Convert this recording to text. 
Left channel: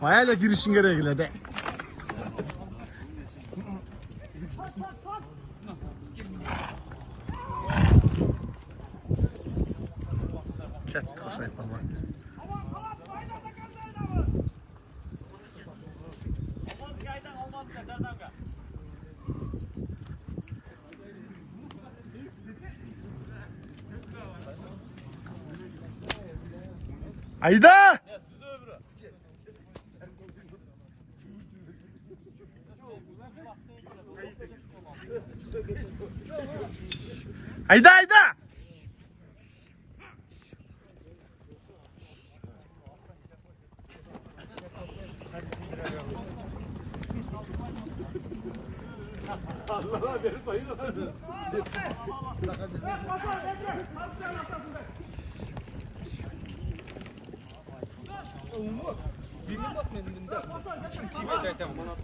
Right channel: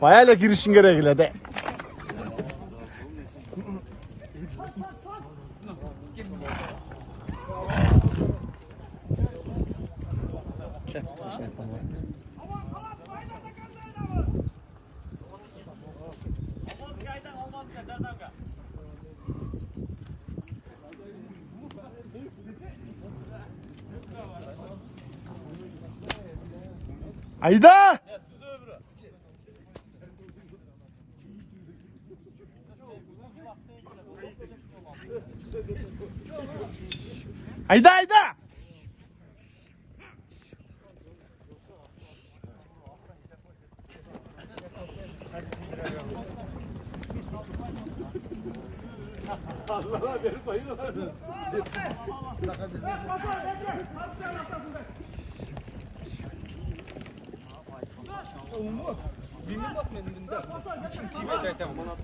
Bayağıyla girişin gerekiyle de. Ayda! Ayda ayda! Allah'a beri sayılır. Bilmem basmadın bunda. Hiçim TV kaytam. Uzak.